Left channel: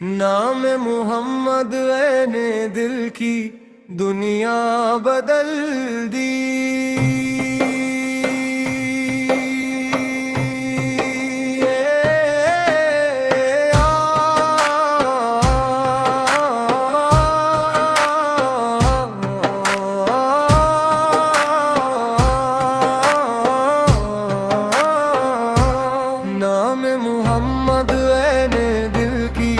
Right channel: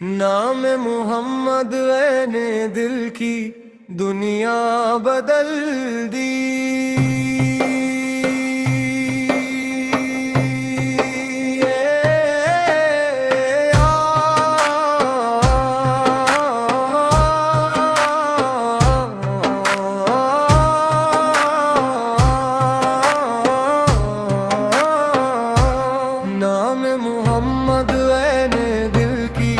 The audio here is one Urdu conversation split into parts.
نام محمد نے دل کی دنیا بدل دی۔ نام محمد نے دل کی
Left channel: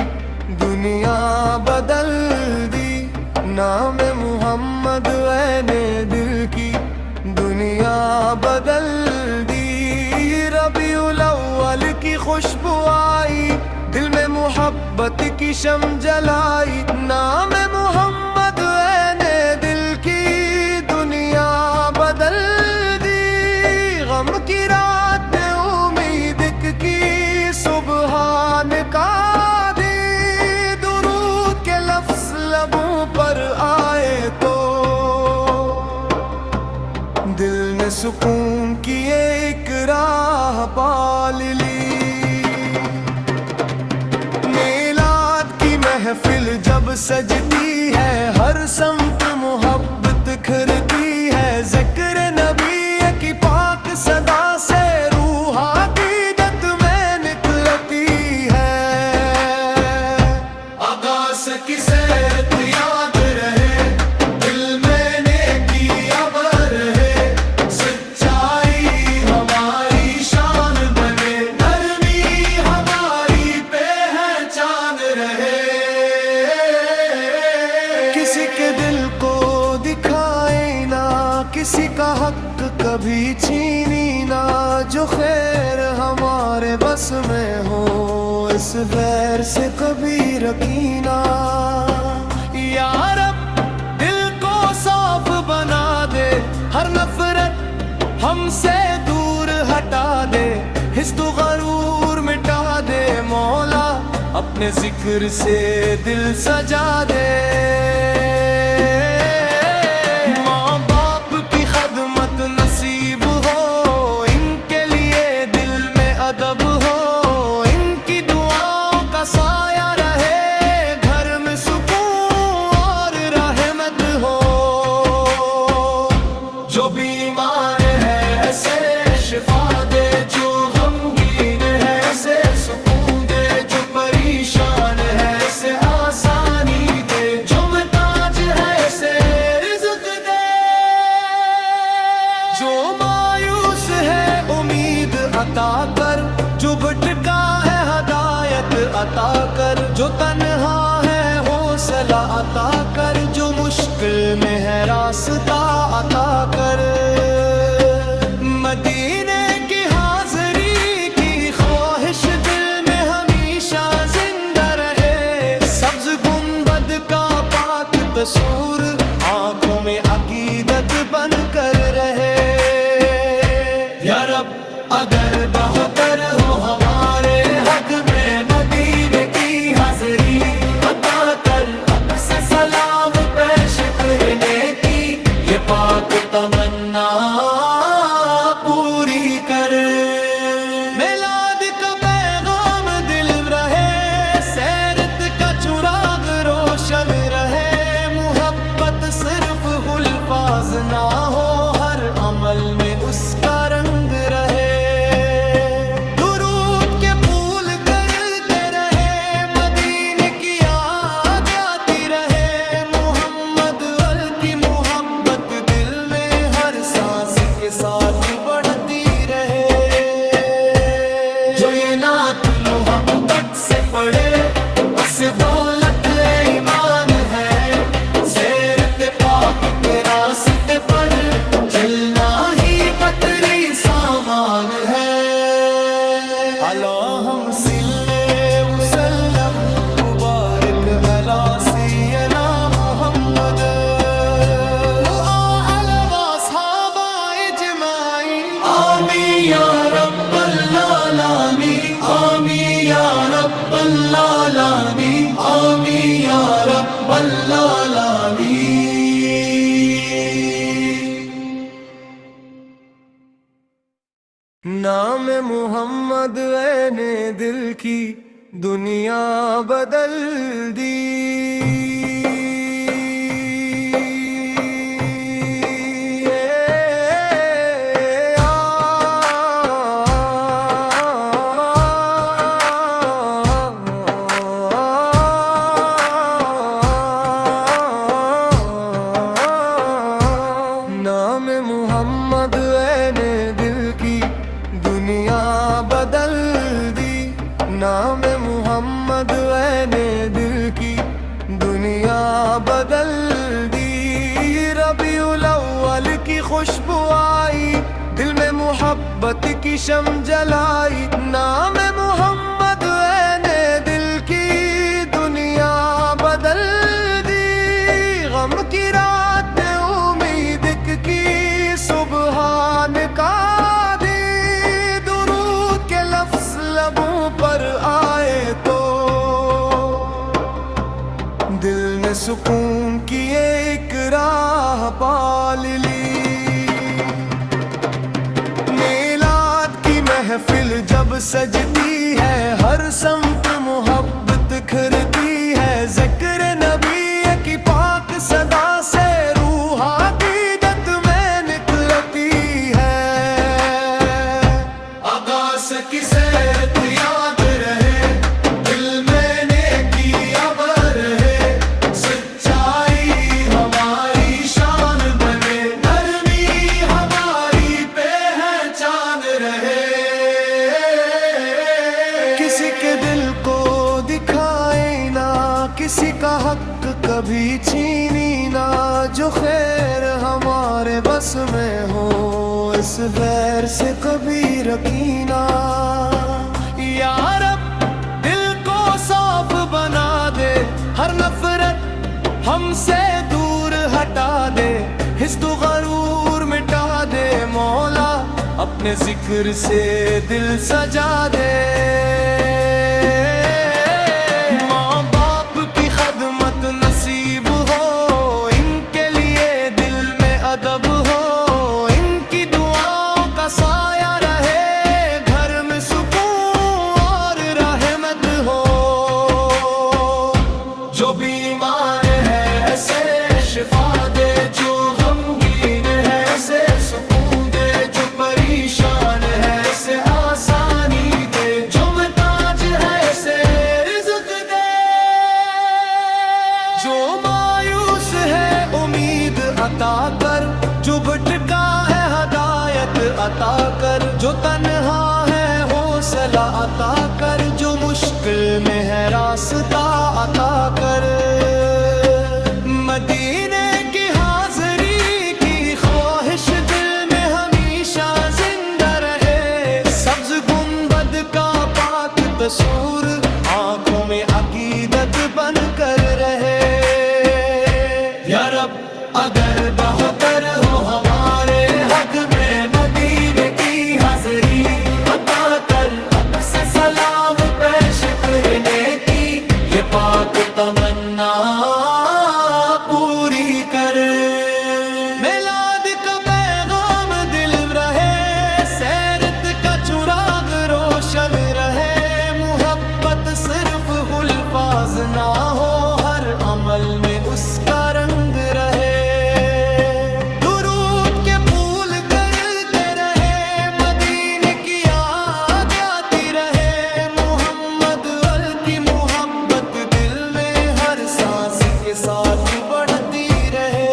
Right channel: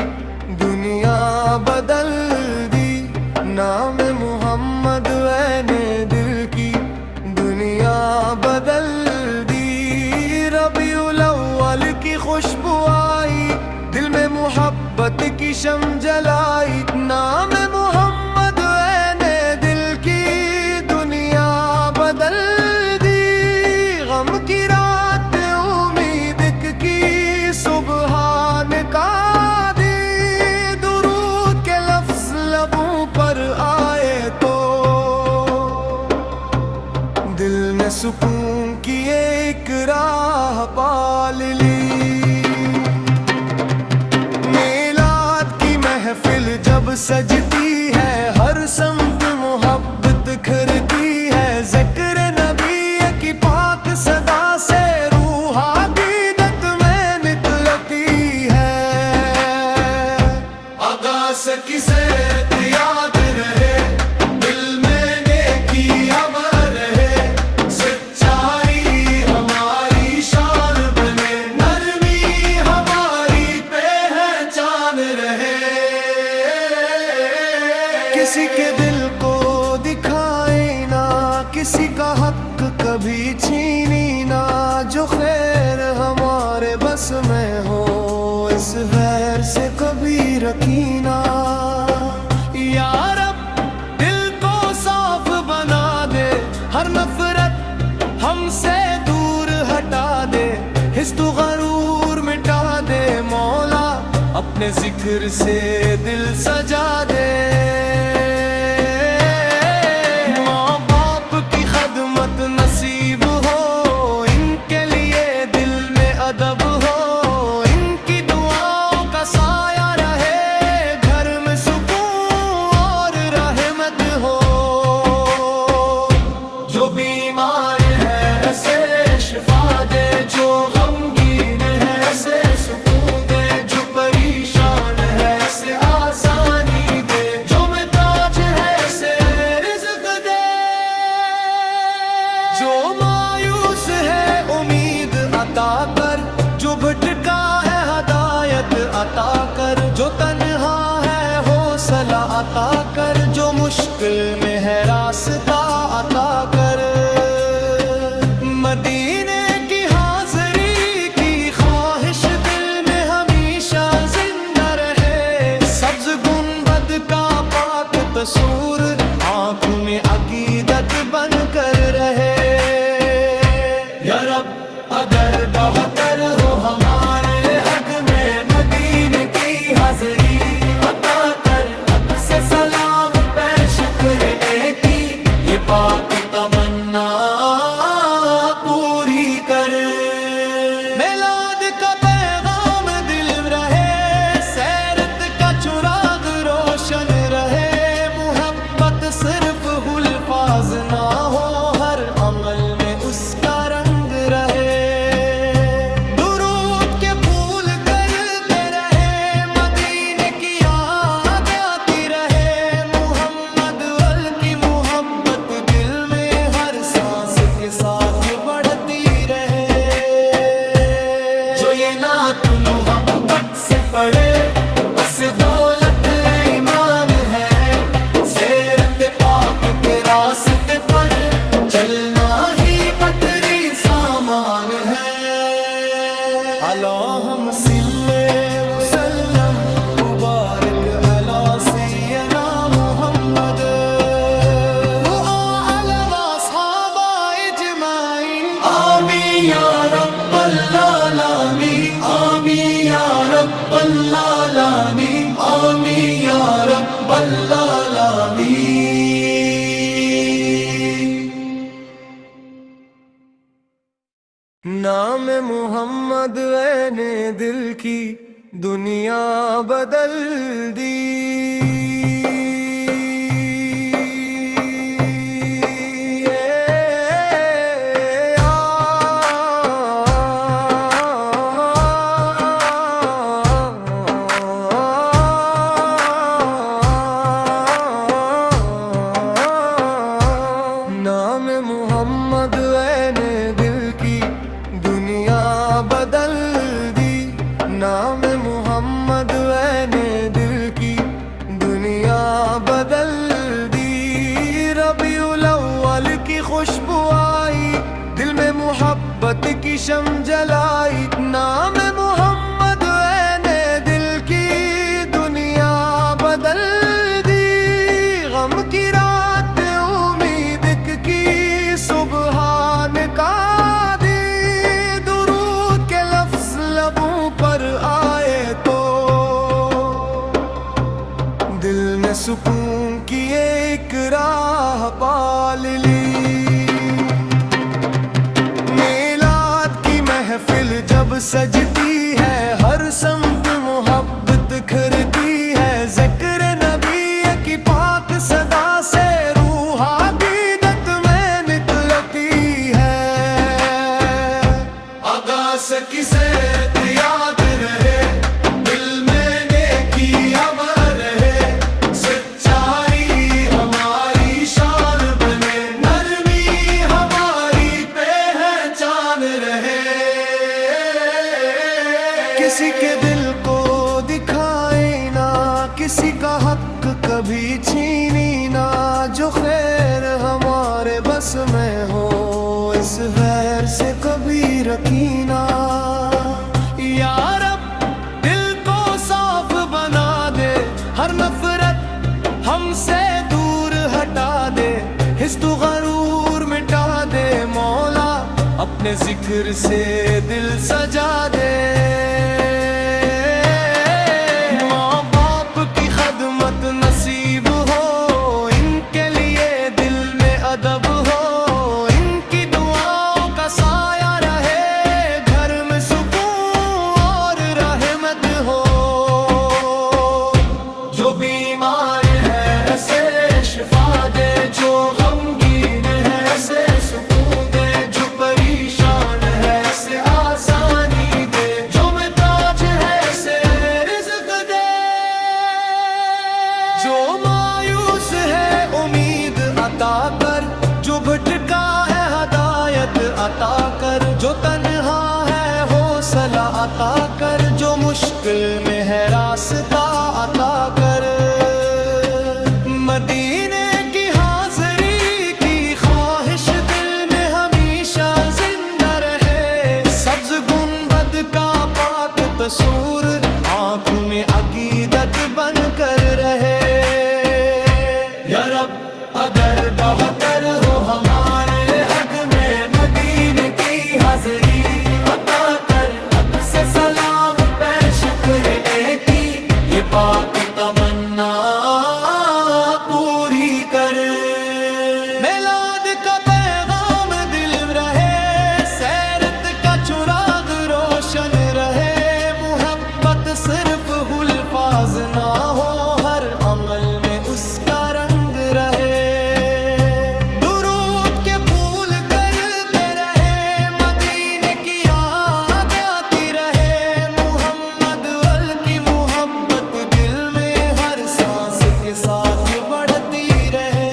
دنیا بدل دی۔ نام محمد نے دل کی دنیا بدل دی۔ ربیع الاول کی خوشبو آئی، دل میں محبت کی شمع جلائی۔ نام محمد نے دل کی دنیا بدل دی۔ غم کی رات نے امید کی صبح نکال دی۔ درود کے لفظ لبوں پر آئے تو دل نے سکون کی ایک راہ پال لی۔ میلاد کی محفل جب سجتی ہے، ہر سمت محبت کھرتی ہے۔ ذکر نبی کی پاک صدا سے روح عقیدت میں نکلتی ہے۔ آغاز کی سیرت یاد رہے، دل میں نیکی ابر رہے۔ سچائی ہماری شان بنے، نرمی ہماری پہچان رہے۔ کسی کے دل کو دکھائے نہ، کسی کا حق کبھی چھینی نہ۔ جو خیر ہمارے بس میں ہو، اس غیر سے کبھی رکھینا۔ یا رب دل کو صاف بنا دے، ہر نفرت ہم سے دور ہٹا دے۔ حسد و غرور مٹا دے مولا، اپنے ذکر سے دل سجا دے۔ ماں باپ کی خدمت نصیب ہو، ان کے لیے دل میں ادب ہو۔ ان کی دعاؤں کا سایہ رہے، گھر میں سکون اور رحمت ہو۔ جو بیمار ہے اسے شفا دے، جو غمگین ہے اسے سکون دے۔ جو پریشان ہے اسے آسانی دے، جو محتاج ہے اسے رزق دے۔ جو مایوس ہے امید عطا کر، جو بھٹکا ہے ہدایت عطا کر۔ جو تنہا ہے حوصلہ عطا کر، جو مشکل میں ہے راستہ عطا کر۔ مدینے کی حاضری کی خواہش دل میں ہمیشہ زندہ رہے۔ سبز گنبد کا پاک تصور آنکھوں میں عقیدت بن کر رہے۔ یا رب اگر بہتر ہو ہمارے حق میں، مدینے کی حاضری عطا کر۔ حق سے سلام پیش کرنے کی یہ پاک تمنا پوری کر۔ میلاد کا پیغام دل رہے، سیرت کا چراغ روشن رہے۔ محبت صرف الفاظ نہ ہو، ہر عمل میں اس کا رنگ رہے۔ درود کے پھول کرتے رہے، مدینے کی یاد آتی رہے۔ محمد کی محبت دل میں ہر سانس کے ساتھ بڑھتی رہے۔ جو یہ نعت محبت سے پڑھے، بس دولت ایمان ہے۔ سیرت پاک کے راستے پر چلنا ہی بطری سامان ہے۔ اللہم صلی وسلم مبارک علی سیدنا محمد وعلی اصحابہ اجمعین۔ آمین یا رب العالمین، آمین یا رب العالمین، آمین یا رب العالمین۔ نام محمد نے دل کی دنیا بدل دی نام محمد نے دل کی دنیا بدل دی نام محمد نے دل کی دنیا بدل دی ربیع الاول کی خوشبو آئی دل میں محبت کی شمع جلائی نام محمد نے دل کی دنیا بدل دی غم کی رات امید کی صبح نکال دی درود کے لفظ لبوں پر آئے تو دل نے سکون کی ایک راہ پال لی میلاد کی محفل جب سجتی ہے ہر سمت محبت کھرتی ہے ذکر نبی کی پاک صدا سے روح عقیدت میں نکلتی ہے آغاز کی سیرت یاد رہے دل میں نیکی ابر ہے سچائی ہماری شان بنے نرمی ہماری پہچان رہے کسی کے دل کو دکھائے نہ کسی کا حق کبھی چھینی نہ جو خیر ہمارے بس میں ہو اس غیر سے کبھی رکینا یا رب دل کو صاف بنا دے ہر نفرت ہم سے دور ہٹا دے حسد و غرور مٹا دے مولا اپنے ذکر سے دل سجا دے ماں باپ کی خدمت نصیب ہو ان کے لیے دل میں ادب ہو ان کی دعاؤں کا سایہ رہے گھر میں سکون اور رحمت ہو جو بیمار ہے اسے شفا دے جو غمگین ہے اسے سکون دے جو پریشان ہے اسے آسانی دے جو محتاج ہے اسے رزق دے جو مایوس ہے امید عطا کر جو بھٹکا ہے ہدایت عطا کر جو تنہا ہے حوصلہ عطا کر جو مشکل میں ہے راستہ عطا کر مدینے کی حاضری کی خواہش دل میں ہمیشہ زندہ رہے سبز گنبد کا پاک تصور آنکھوں میں عقیدت بن کر رہے یا رب اگر بہتر ہو ہمارے حق میں مدینے کی حاضری عطا کر حق سے سلام پیش کرنے کی یہ پاک تمنا پوری کر میلاد کا پیغام دل رہے سیرت کا چراغ روشن رہے محبت صرف الفاظ نہ ہو ہر عمل میں اس کا رنگ رہے درود کے پھول کرتے رہے مدینے کی یاد آتی رہے محمد کی محبت دل میں ہر سانس کے ساتھ بڑھتی رہے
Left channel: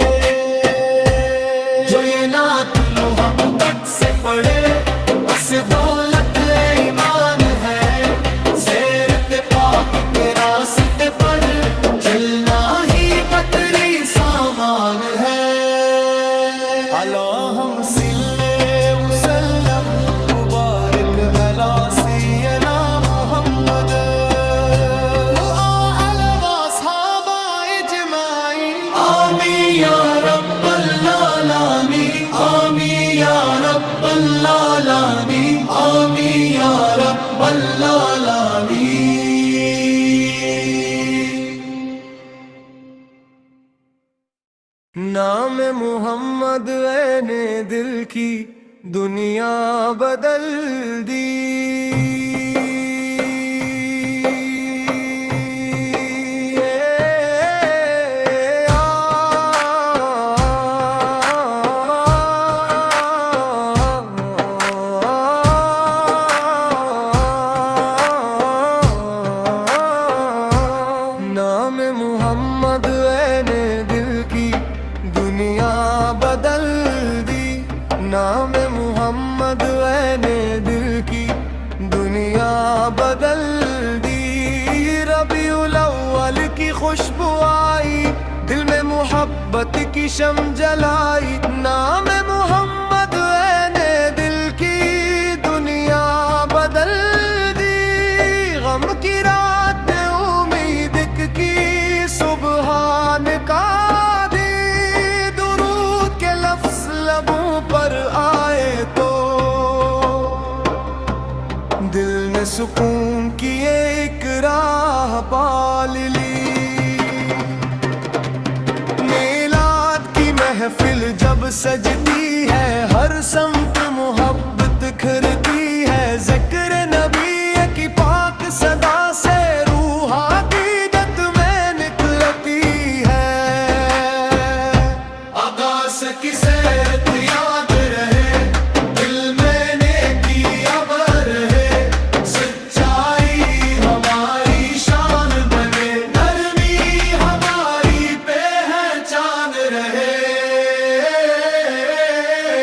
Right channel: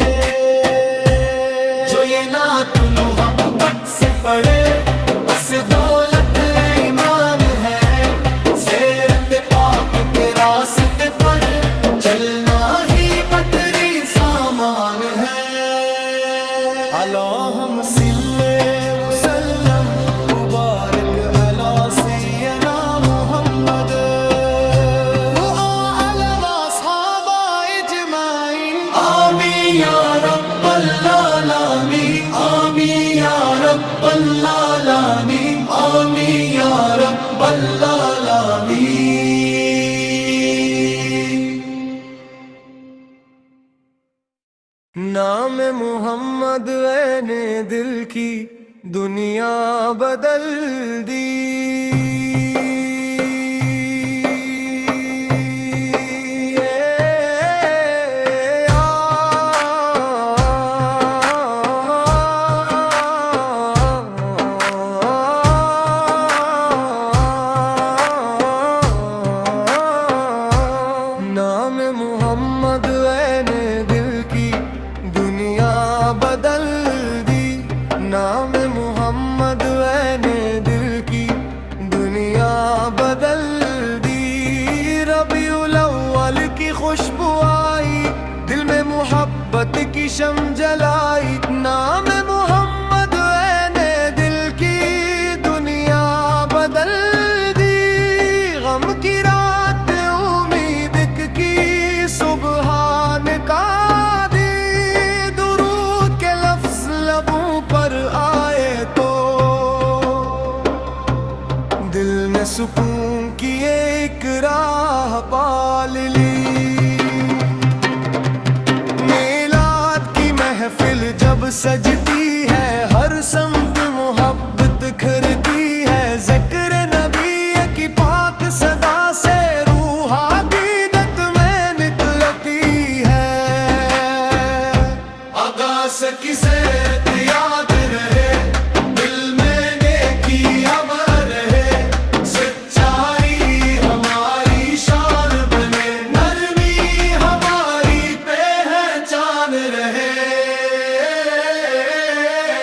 جو یہ نعت محبت سے پڑھے بس دولت ایمان ہے سیرت پاک کے راستے پر چلنا ہی بطری سامان ہے اللہم صلی وسلم مبارک علی سیدنا محمد وآلہ وصحابہ اجمعین آمین یا رب العالمین آمین یا رب العالمین آمین یا رب العالمین نام محمد نے دل کی دنیا بدل دی محمد نے دل کی دنیا بدل دی، نام محمد نے دل کی دنیا بدل دی۔ ربیع الاول کی خوشبو آئی، دل میں محبت کی شمع جلائی، نام محمد نے دل کی دنیا بدل دی۔ غم کی رات امید کی صبح نکال دی، درود کے لفظ لبوں پر آئے تو دل نے سکون کی ایک راہ پال لی۔ میلاد کی محفل جب سجتی ہے، ہر سمت محبت کھرتی ہے، ذکر نبی کی پاک صدا سے روح عقیدت میں نکلتی ہے۔ آغاز کی سیرت یاد رہے، دل میں نیکی ابر رہے، سچائی ہماری شان بنے، نرمی ہماری پہچان رہے۔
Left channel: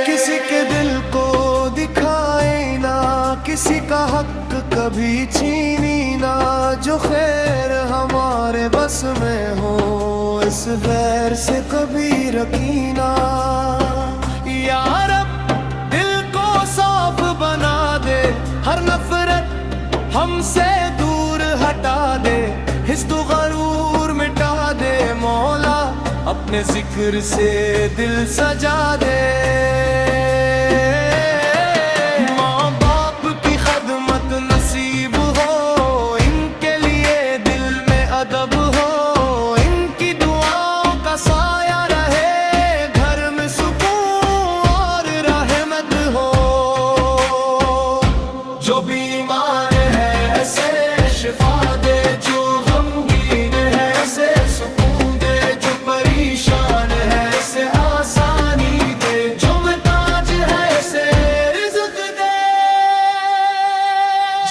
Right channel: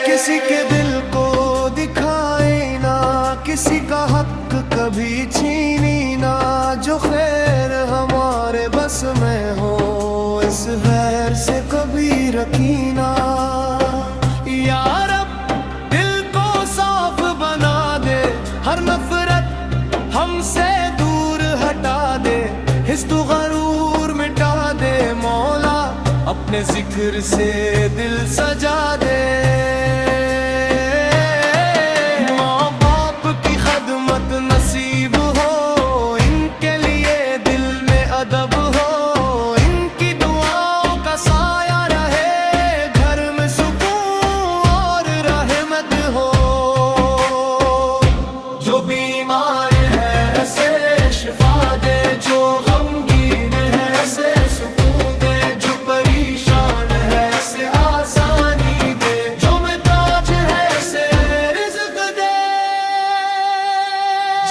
کسی کے دل کو دکھائے نہ کسی کا حق کبھی چھینی نہ، جو خیر ہمارے بس میں ہو اس غیر سے کبھی رکینا۔ یا رب دل کو صاف بنا دے، ہر نفرت ہم سے دور ہٹا دے، حسد و غرور مٹا دے، مولا اپنے ذکر سے دل سجا دے۔ ماں باپ کی خدمت نصیب ہو، ان کے لیے دل میں ادب ہو، ان کی دعاؤں کا سایہ رہے، گھر میں سکون اور رحمت ہو۔ جو بیمار ہے اسے شفا دے، جو غمگین ہے اسے سکون دے، جو پریشان ہے اسے آسانی دے، جو محتاج ہے اسے رزق دے،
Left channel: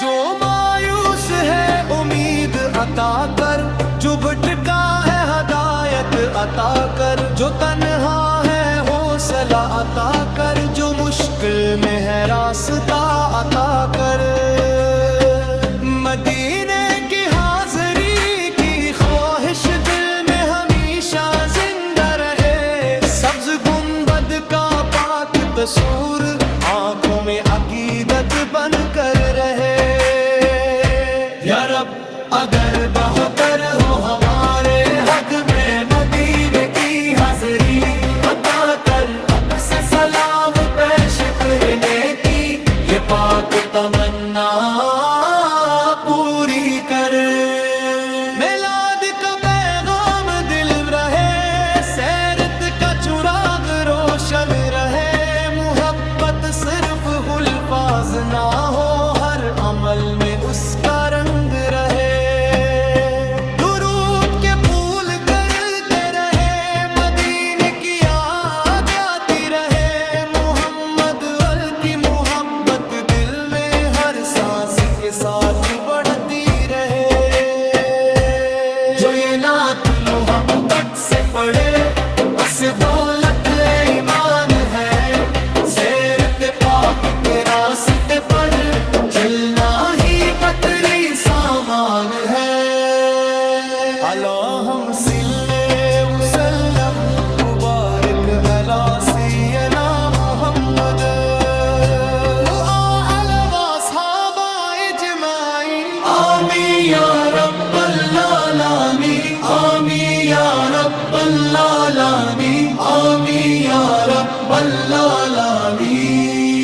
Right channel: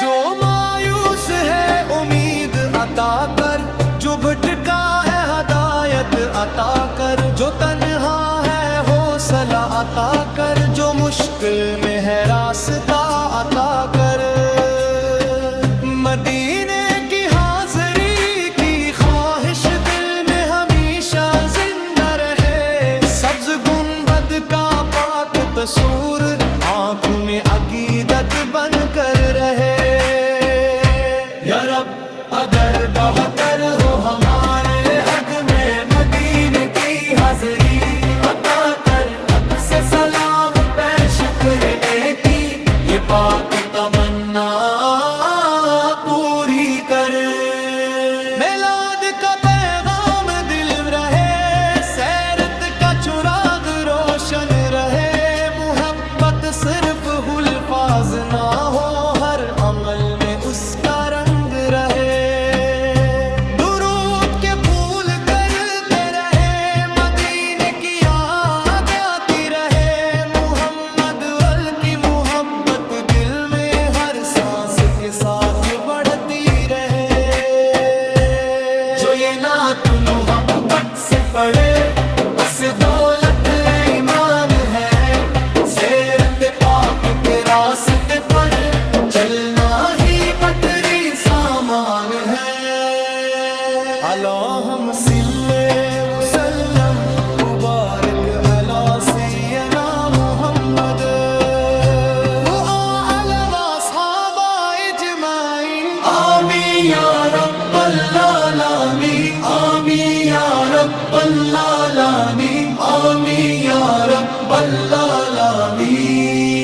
جو مایوس ہے امید عطا کر، جو بھٹکا ہے ہدایت عطا کر، جو تنہا ہے حوصلہ عطا کر، جو مشکل میں ہے راستہ عطا کر۔ مدینے کی حاضری کی خواہش دل میں ہمیشہ زندہ رہے، سبز گنبد کا پاک تصور آنکھوں میں عقیدت بن کر رہے۔ یا رب اگر بہتر ہو ہمارے حق میں مدینے کی حاضری عطا کر، حق سے سلام پیش کرنے کی یہ پاک تمنا پوری کر۔ میلاد کا پیغام دل رہے، سیرت کا چراغ روشن رہے، محبت صرف الفاظ نہ ہو، ہر عمل میں اس کا رنگ رہے۔ درود کے پھول کرتے رہے، مدینے کی یاد آتی رہے، محمد کی محبت دل میں ہر سانس کے ساتھ بڑھتی رہے۔ جو یہ نعت محبت سے پڑھے بس دولت ایمان ہے، سیرت پاک کے راستے پر چلنا ہی بطری سامان ہے۔ اللہم صلی وسلم مبارک علی سیدنا محمد وآل واصحابہ اجمعین، آمین یا رب العالمین، آمین یا رب العالمین، آمین یا رب العالمین۔